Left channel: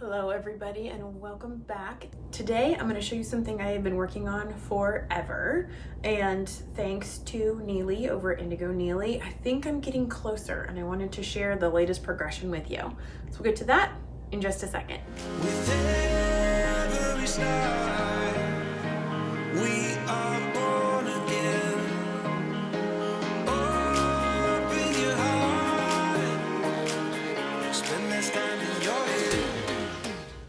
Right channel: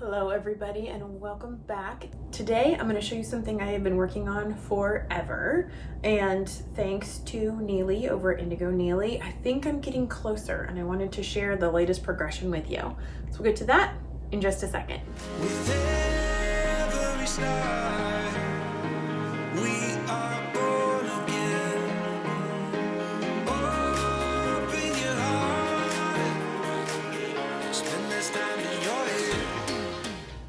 Hello everybody and welcome back. Today I'm going to show you something I have been working on forever, and thanks to Neely over at Indigo Neely, I think I'm getting closer and I wanted to share the latest progression with you. So we'll get to that in just a second. With every start, we are born again. Open your heart, spend this time in your head.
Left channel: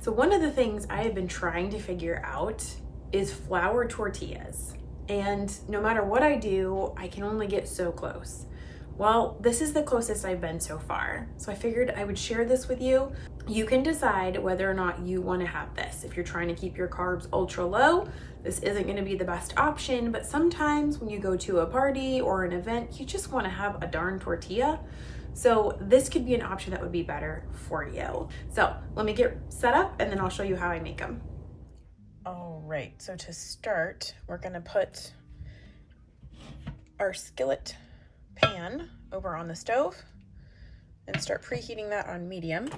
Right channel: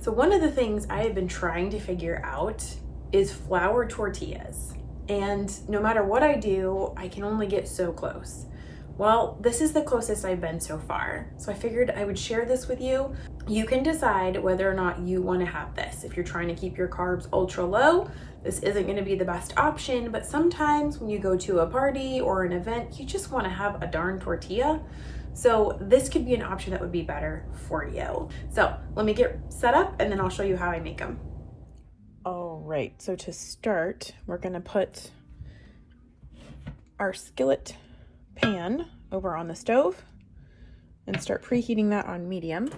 So one of the things I have been trying to figure out is flour tortillas. And no matter what I do, I can only get so close. Well, this is the closest I've been so far. So I figured I would share this with you. You can decide whether or not you want to have this. If you're trying to keep your carbs ultra low, this isn't going to be the best option, but sometimes when you go to a party or an event, you just want to have a darn tortilla. So this could be an option that would be better for you. So let me get set up and then I'll show you how I make them. All right, so to start, we're gonna put our skillet pan over on the stove and start preheating that on medium.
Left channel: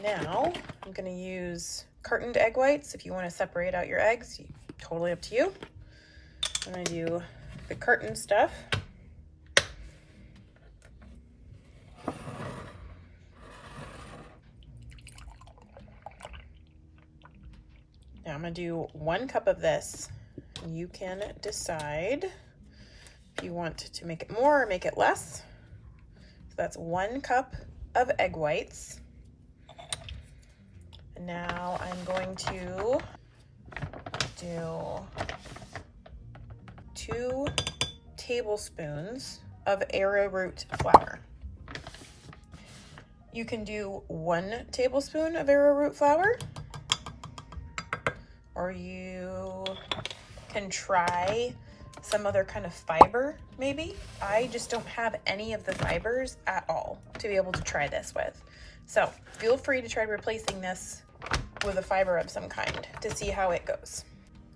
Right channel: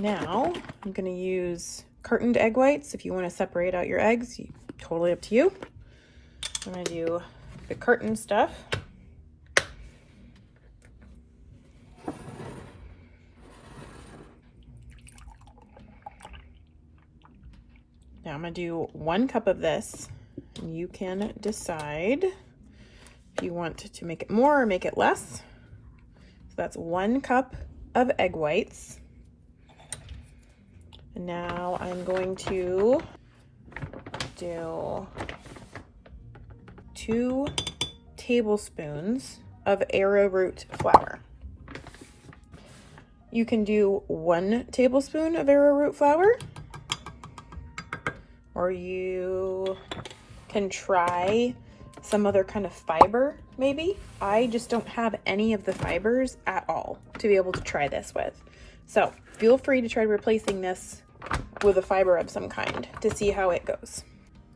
Now I'm gonna use cartoned egg whites. If you want to separate out your eggs, totally up to you. I'm gonna do the carton stuff. Now I'm gonna do 1 cup of this. You can decide if you want to make it more or make it less. So that's 1 cup of egg whites. And now I'm going to do 2 tablespoons of arrowroot flour. You can do 1 tablespoon of arrowroot flour, or you can try some other kind of fiber maybe. I just don't have any of the fibers at all to be able to try this with. So feel free to try replacing this with a fiber of some kind to see how it goes.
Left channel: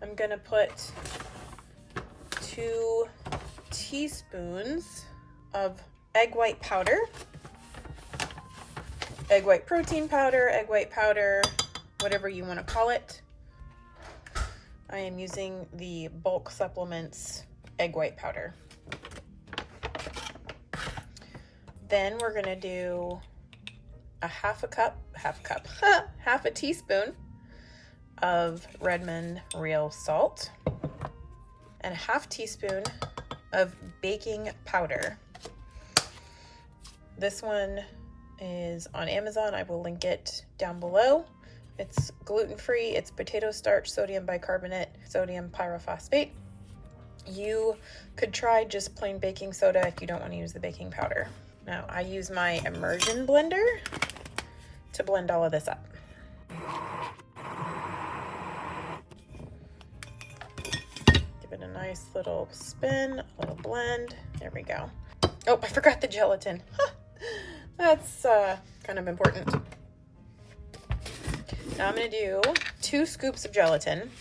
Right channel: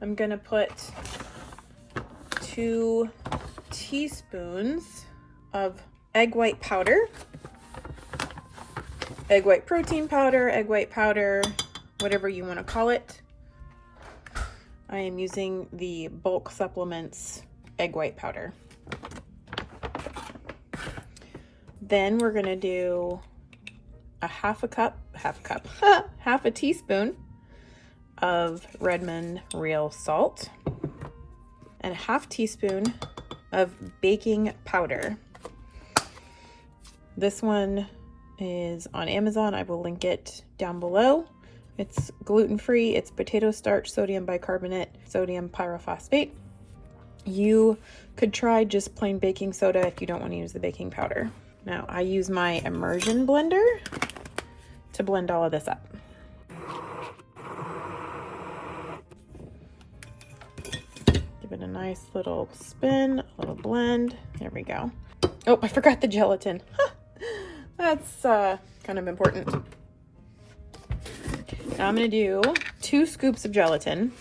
I'm gonna put 2 teaspoons of egg white powder, egg white protein powder, egg white powder, whatever you want to call it. I am using the bulk supplements egg white powder. Then we're gonna do a half a teaspoon of Redmond real salt and a half teaspoon of baking powder. This one is on Amazon. I will link it down below. It's gluten-free, it's potato starch, sodium bicarbonate, sodium pyrophosphate. You could try just plain baking soda if you don't want to use the baking powder. Now I use my immersion blender to blend all of this up. Give it a nice little spin, a little blend. There we go. Oh, I forgot the gelatin. That's kind of important. Now I'm gonna do 2 scoops of gelatin.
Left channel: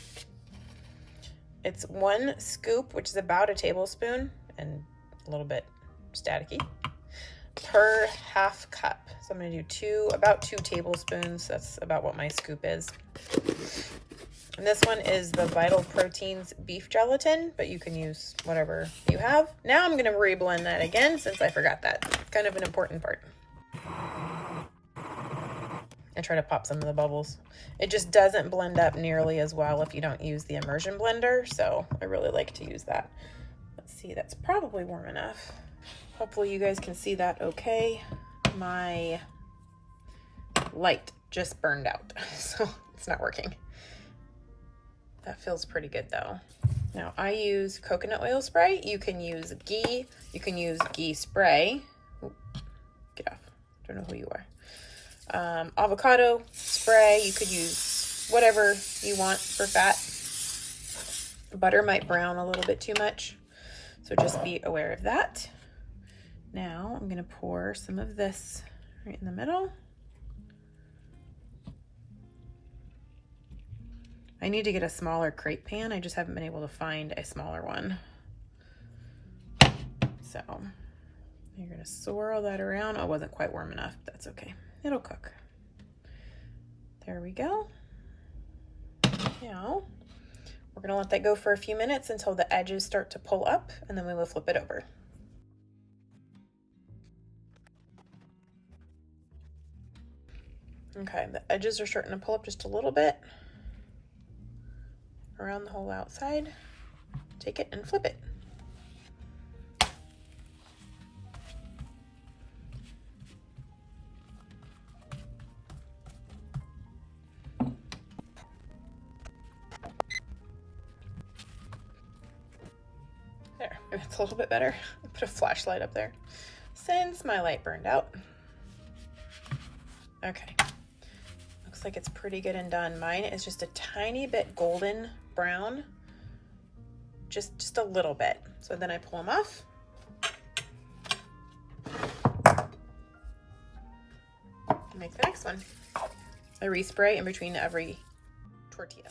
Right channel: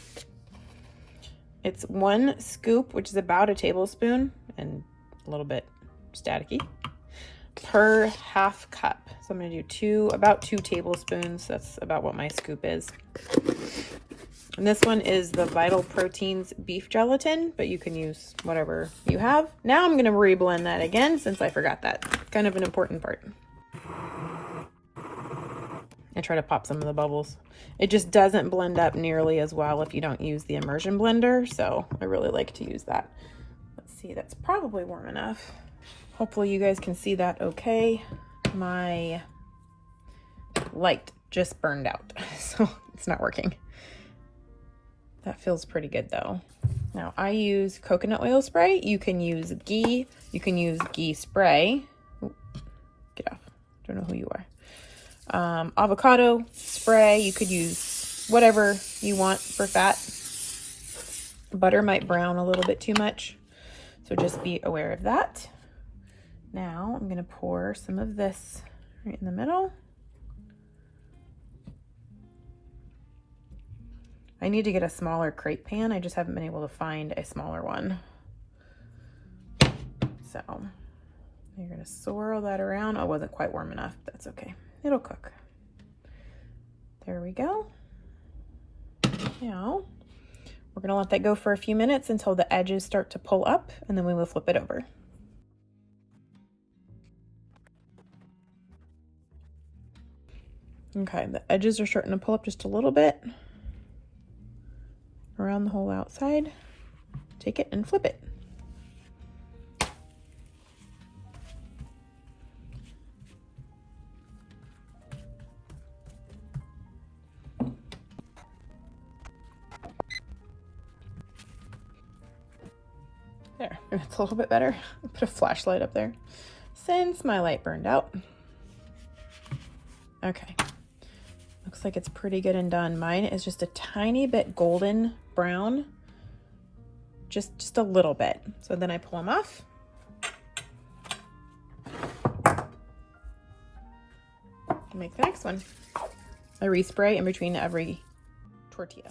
It's 1 scoop, which is about a tablespoon and a little bit staticky, per half cup. So I'm gonna do about 2 tablespoons. That's about what my scoop is. And this one is the Vital Proteins Beef Gelatin, but you can use whatever you have. Now I'm gonna reblend that again since I forgot that. Kind of an important part. I try to pop some of the bubbles. It just doesn't blend up nearly as well if you don't use the immersion blender, so I really like to use that. Let's see, that's probably warm enough. Hopefully you guys can see that okay. My light just burned out, so it's not working. That feels pretty good though. Now I use coconut oil spray. You can use ghee. You can use ghee spray. Ooh, get off, don't know who you are. Avocado spray, you could use whatever you want for fat. Butter might brown a little bit too much, so just be aware of that. Now I'm gonna pour some of this right in the middle. I need to get a smaller crepe pan. I just haven't been able to find a smaller one. So you're gonna swirl that around. Oh, it wasn't quite warm enough. That's okay. It'll cook. There we go. Now, we're gonna let that go for a few minutes until the edges start to pull up, and then we will flip it over. Okay, the edges are starting to pull up just a little bit around the whole outside. Take it and flip it. There, it's a little bit better. Put a flashlight up there since my light burned out. Okay, looks like it's pretty good and done. Mine is just a tiny bit golden brown, just a little bit. So then I pull them off. Make the next one. I respray in between every tortilla.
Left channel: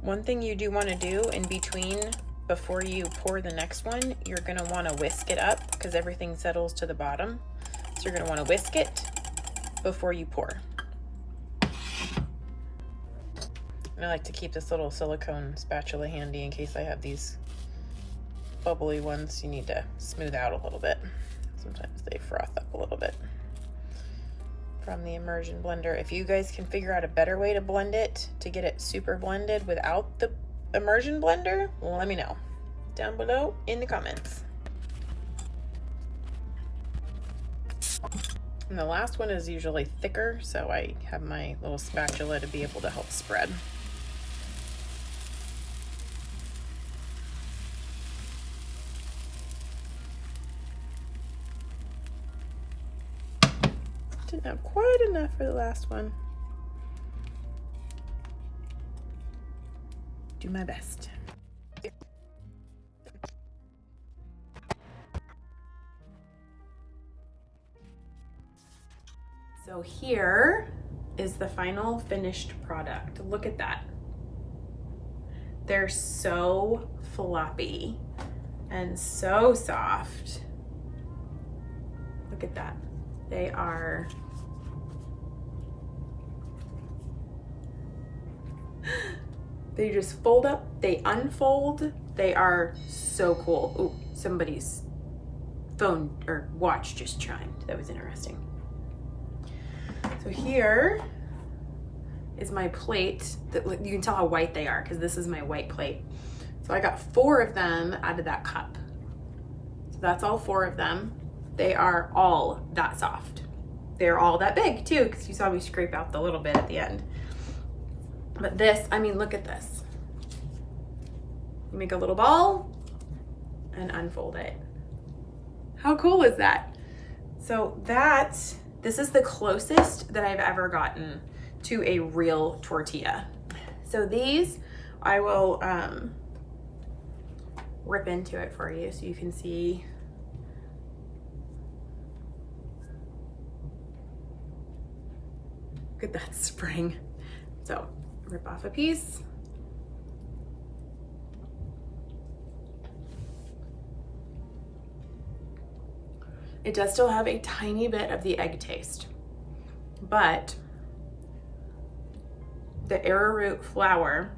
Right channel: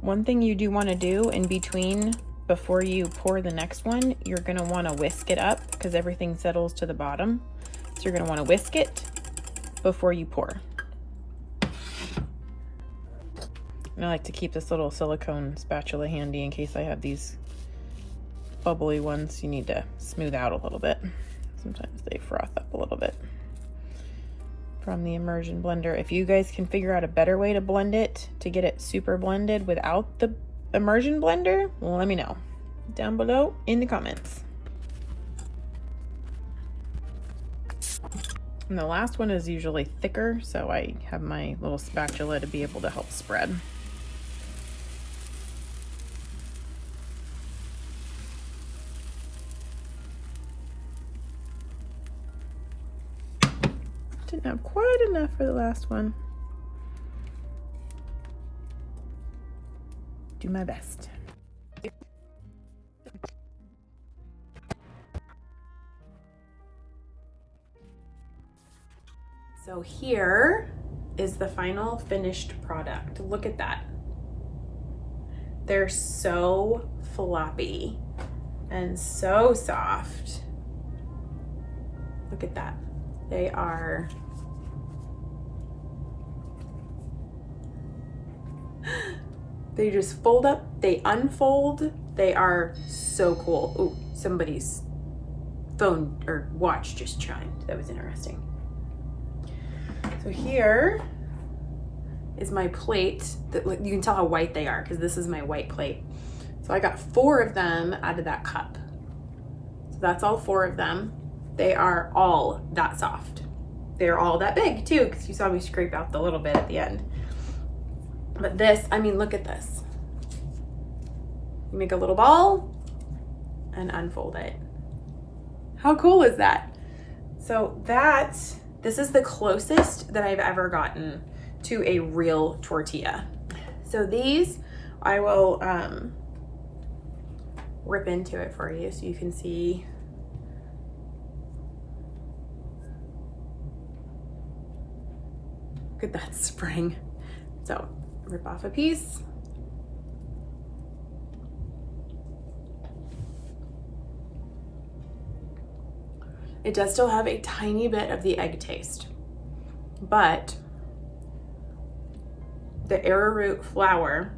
One thing you do want to do in between, before you pour the next one, you're going to want to whisk it up because everything settles to the bottom. So you're going to want to whisk it before you pour. And I like to keep this little silicone spatula handy in case I have these bubbly ones you need to smooth out a little bit. Sometimes they froth up a little bit from the immersion blender. If you guys can figure out a better way to blend it to get it super blended without the immersion blender, well, let me know down below in the comments. And the last one is usually thicker, so I have my little spatula to be able to help spread. Didn't have quite enough for the last one. Do my best. So here is the final finished product. Look at that. They're so floppy and so soft. Look at that. They are they just fold up, they unfold, they are so cool. Ooh, somebody's phone or watch just chimed. That was interesting. So here is my plate. That you can tell how white they are because this is my white plate. So I got 4 of them out of that cup. So that's all 4 of them. They are all that soft. They're all that big too, because you saw me scrape out the little bit at the end. But this, I mean, look at this. You make a little ball and unfold it. How cool is that? So this is the closest that I've ever gotten to a real tortilla. So these, I will rip into it for you so you can see. Look at that spring. So rip off a piece. It does still have a tiny bit of the egg taste, but the arrowroot flour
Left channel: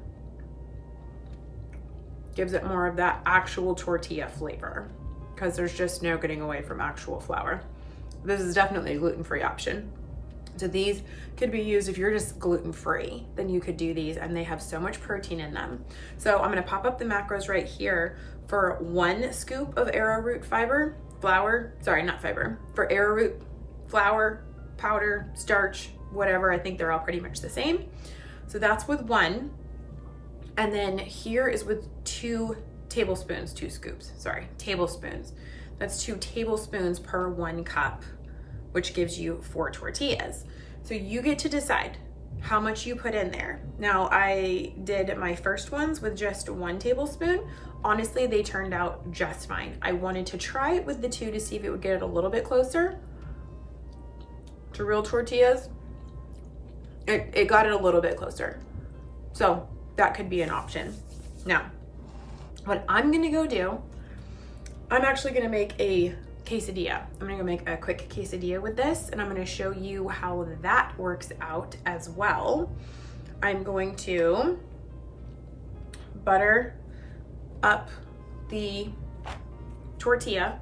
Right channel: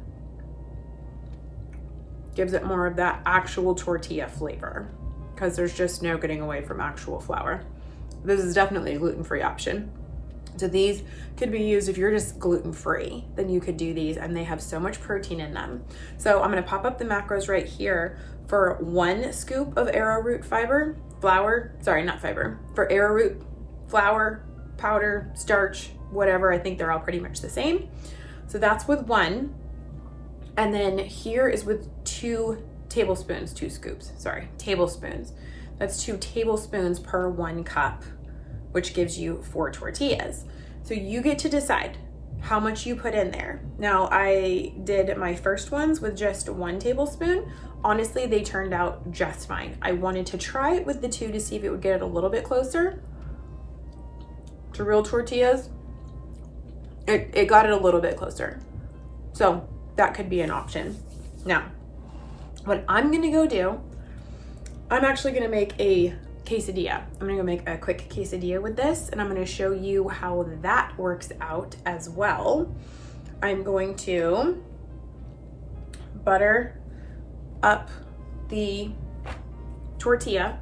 gives it more of that actual tortilla flavor because there's just no getting away from actual flour. This is definitely a gluten-free option. So these could be used if you're just gluten-free, then you could do these, and they have so much protein in them. So I'm gonna pop up the macros right here for 1 scoop of arrowroot for arrowroot flour, powder, starch, whatever. I think they're all pretty much the same. So that's with 1. And then here is with 2 tablespoons. That's 2 tablespoons per 1 cup, which gives you 4 tortillas. So you get to decide how much you put in there. Now I did my first ones with just 1 tablespoon. Honestly, they turned out just fine. I wanted to try it with the 2 to see if it would get it a little bit closer to real tortillas. it got it a little bit closer. So that could be an option. Now, what I'm gonna go do, I'm actually gonna make a quesadilla. I'm gonna go make a quick quesadilla with this, and I'm gonna show you how that works out as well. I'm going to butter up the tortilla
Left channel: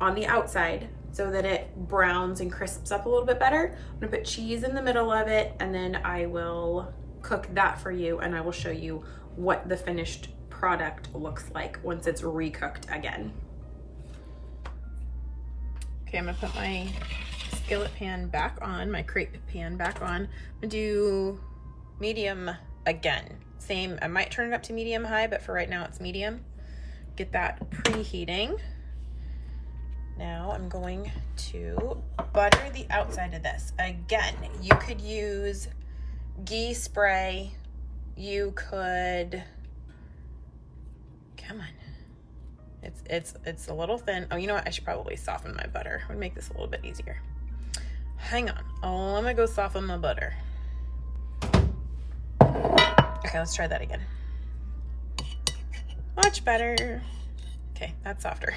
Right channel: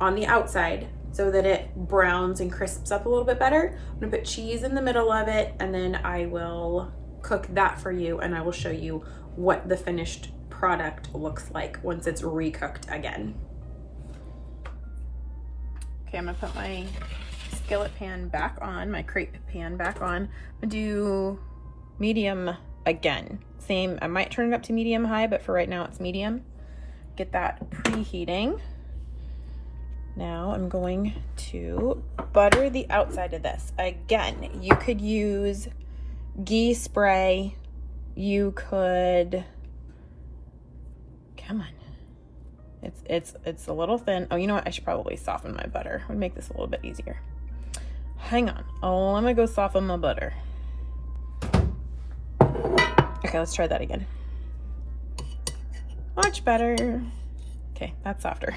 on the outside so that it browns and crisps up a little bit better. I'm gonna put cheese in the middle of it, and then I will cook that for you, and I will show you what the finished product looks like once it's recooked again. Okay, I'm gonna put my skillet pan back on, my crepe pan back on. I'm gonna do medium again. Same, I might turn it up to medium high, but for right now it's medium. Get that preheating. Now I'm going to butter the outside of this. Again, you could use ghee spray. You could, come on. It's a little thin. Oh, you know what? I should probably soften my butter. Would make this a little bit easier. Hang on. Oh, I'm gonna go soften my butter. Okay, let's try that again. Much better. Okay, that's softer.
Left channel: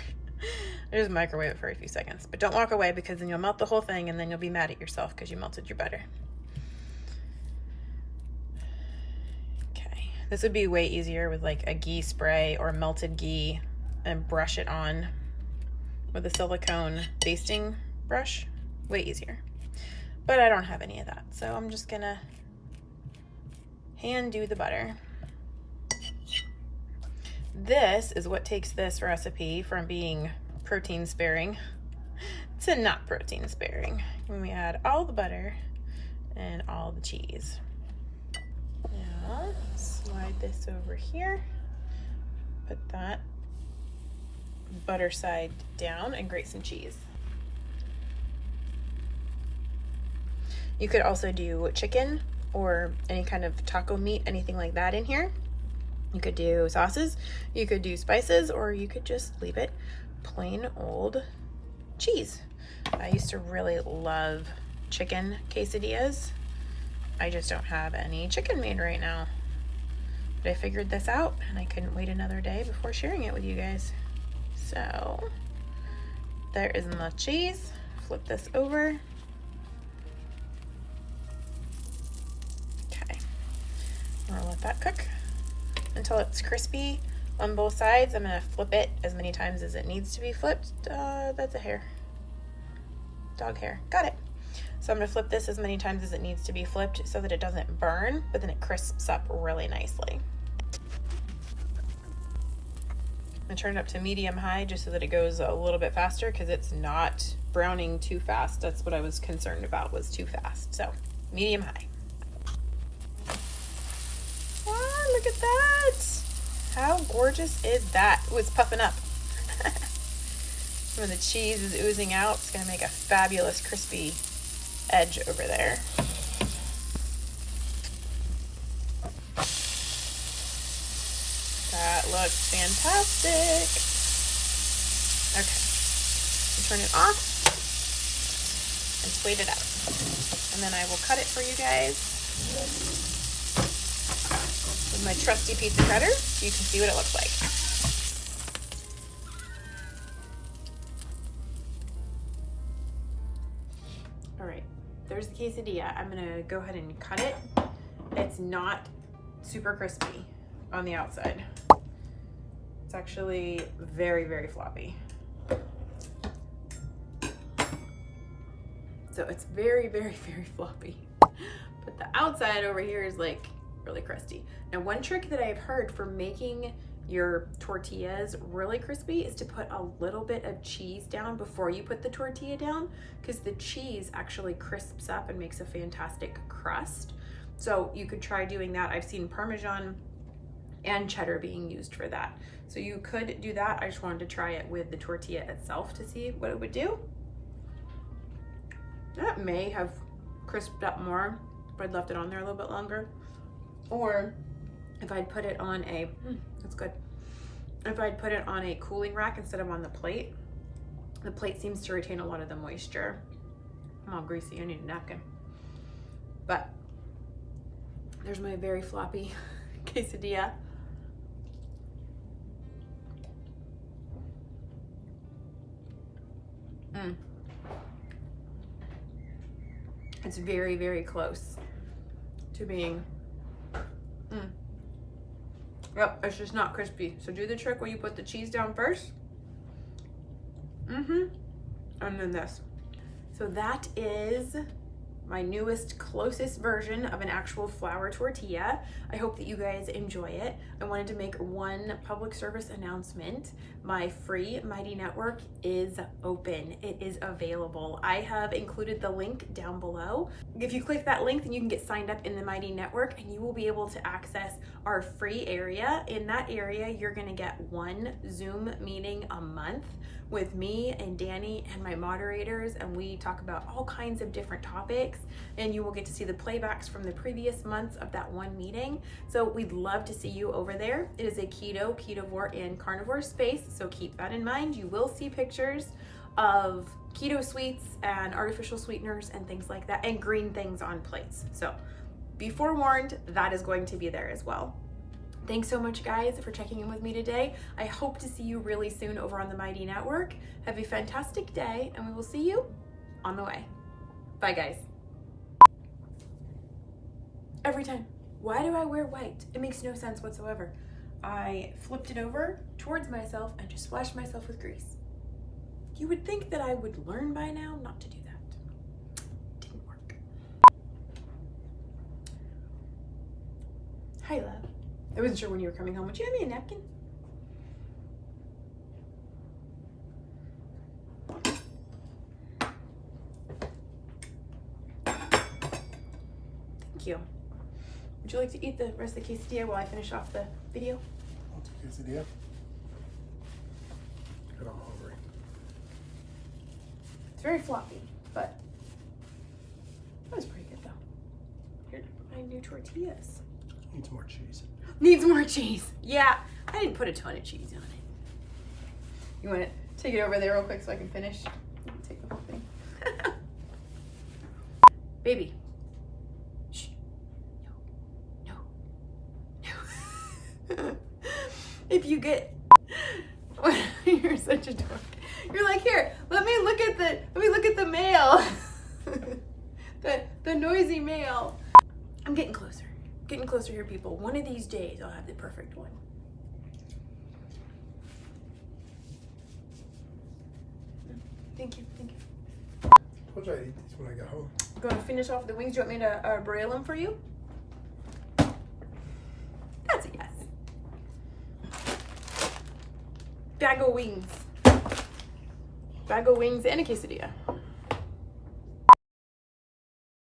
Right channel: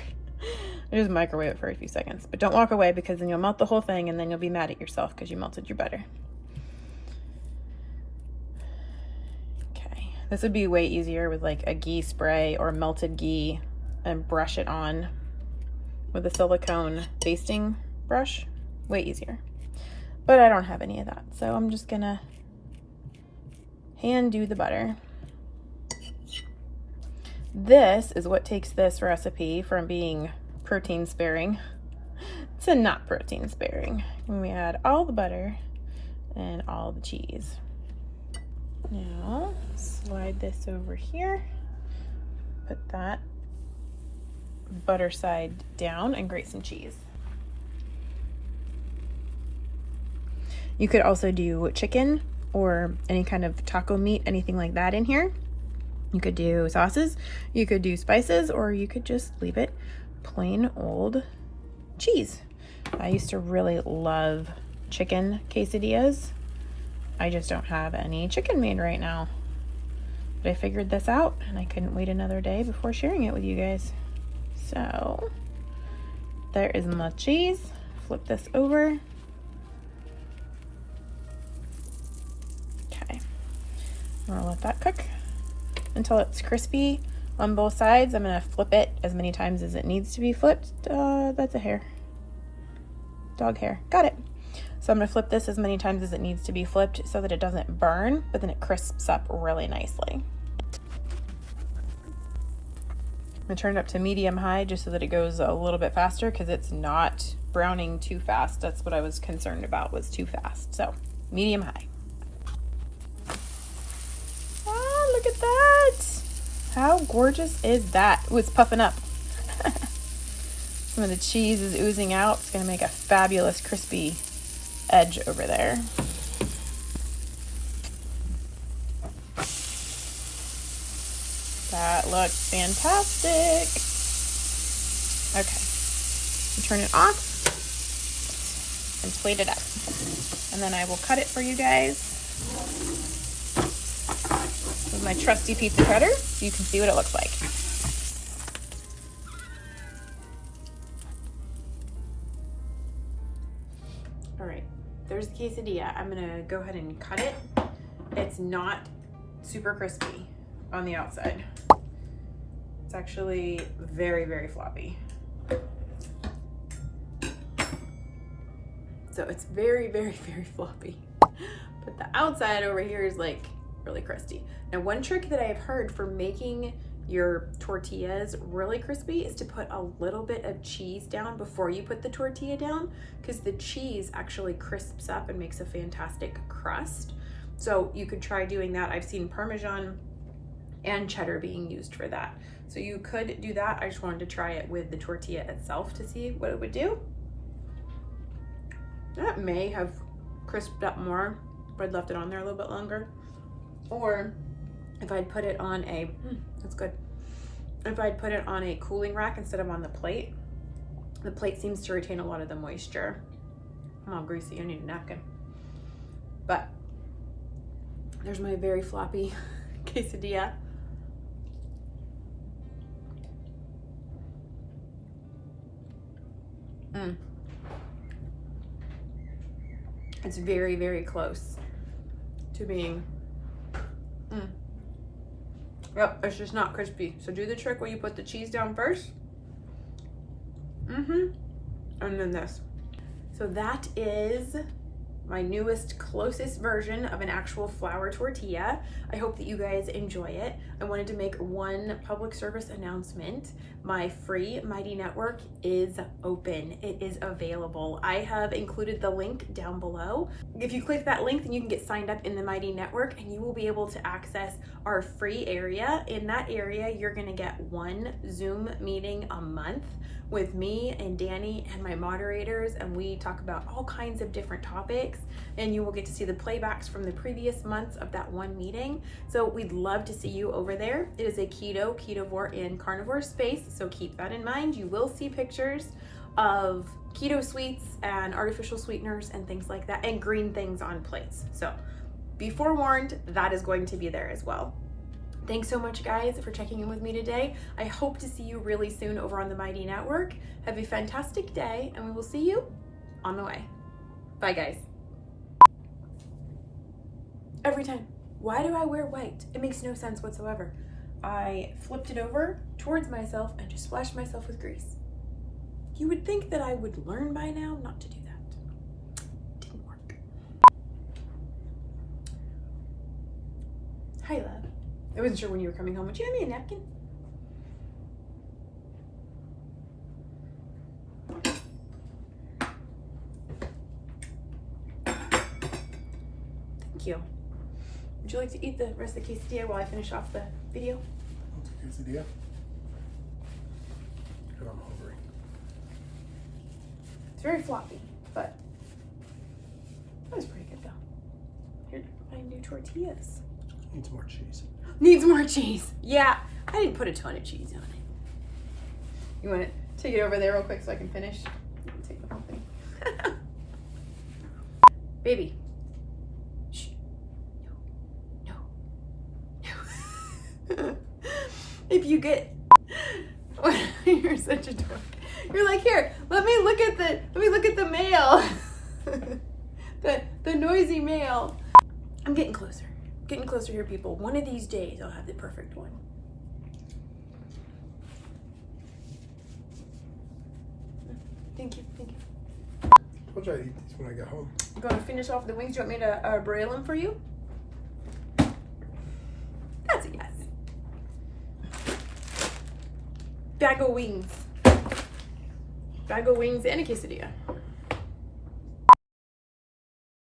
I just microwave it for a few seconds, but don't walk away because then you'll melt the whole thing and then you'll be mad at yourself because you melted your butter. Okay, this would be way easier with like a ghee spray or melted ghee and brush it on with a silicone basting brush. Way easier. But I don't have any of that, so I'm just gonna hand do the butter. This is what takes this recipe from being protein sparing to not protein sparing. When we add all the butter and all the cheese. Now slide this over here, put that butter side down and grate some cheese. You could also do chicken or any kind of taco meat, anything like that in here. You could do sauces, you could do spices, or you could just leave it plain old cheese. I used to really love chicken quesadillas. I just don't have any chicken made right now. But I figured this out and I couldn't wait another day before sharing it with you guys. So there is my cheese. Flip this over. Okay, I'm gonna let that cook until it's crispy on both sides. I'm gonna flip it as many times as it needs to be flipped. That's a hair. Dog hair. Got it. So I'm gonna flip this as many times as it needs to be flipped so that it doesn't burn, but then it crisps up really nicely. I'm gonna turn it up to medium high just so that it goes a little bit faster because it's not browning too fast. That's what I was concerned about, was too fast. So medium high. Wow, look at that. How gorgeous is that? Ooh, it's puffing up. Some of the cheese is oozing out. It's gonna make a fabulous crispy edge over there. That looks fantastic. Okay, turn it off and plate it up. And then I will cut it for you guys with my trusty pizza cutter so you can see what it looks like. All right, there's the quesadilla. I'm gonna go ahead and cut it. It's not super crispy on the outside. It's actually very, very floppy. So it's very, very, very floppy. But the outside over here is like really crusty. Now, one trick that I've heard for making your tortillas really crispy is to put a little bit of cheese down before you put the tortilla down, because the cheese actually crisps up and makes a fantastic crust. So you could try doing that. I've seen Parmesan and cheddar being used for that. So you could do that. I just wanted to try it with the tortilla itself to see what it would do. That may have crisped up more if I'd left it on there a little bit longer. Or if I'd put it on a, that's good. If I'd put it on a cooling rack instead of on the plate seems to retain a lot of the moisture. I'm all greasy, I need a napkin. But There's my very floppy quesadilla. It's very, very close to being, yep, it's just not crispy. So do the trick where you put the cheese down first. And then this. So that is my newest, closest version of an actual flour tortilla. I hope that you guys enjoy it. I wanted to make one public service announcement. My free Mighty Network is open. It is available. I have included the link down below. If you click that link, then you can get signed up in the Mighty Network and you will be able to access our free area. In that area, you're gonna get one Zoom meeting a month with me and Danny and my moderators, and we talk about all kinds of different topics, and you will get to see the playbacks from the previous months of that one meeting. So we'd love to see you over there. It is a keto, ketovore, and carnivore space, so keep that in mind. You will see pictures of keto sweets and artificial sweeteners and things like that, and green things on plates. So be forewarned, that is going to be there as well. Thanks so much, guys, for checking in with me today. I hope to see you really soon over on the Mighty Network. Have a fantastic day, and we will see you on the way. Bye, guys. Every time. Why do I wear white? It makes no sense whatsoever. I flipped it over towards myself and just splashed myself with grease. You would think that I would learn by now not to do that. Didn't work. Hi, love. I wasn't sure when you were coming home. Would you have me a napkin? Thank you. Would you like to eat the rest of the quesadilla while I finish off the video? Quesadilla? Good, I'm hungry. It's very floppy, but that was pretty good though. Here's my new tortillas. Needs more cheese. Needs more cheese. Yeah, I didn't put a ton of cheese on it. You want to take it over there real quick so I can finish? Take the whole thing. Baby. Shh. No. No. If you get... You're such a dork. You're like, here, let me look at the mail. the noisy mail. I'm getting closer. Getting closer here, people. One of these days, I'll have the perfect one. Thank you. We'll try to eat these when I get home. You going to finish off the wings? Do you want me to broil them for you? That's a yes. Bag of wings. Bag of wings and a quesadilla.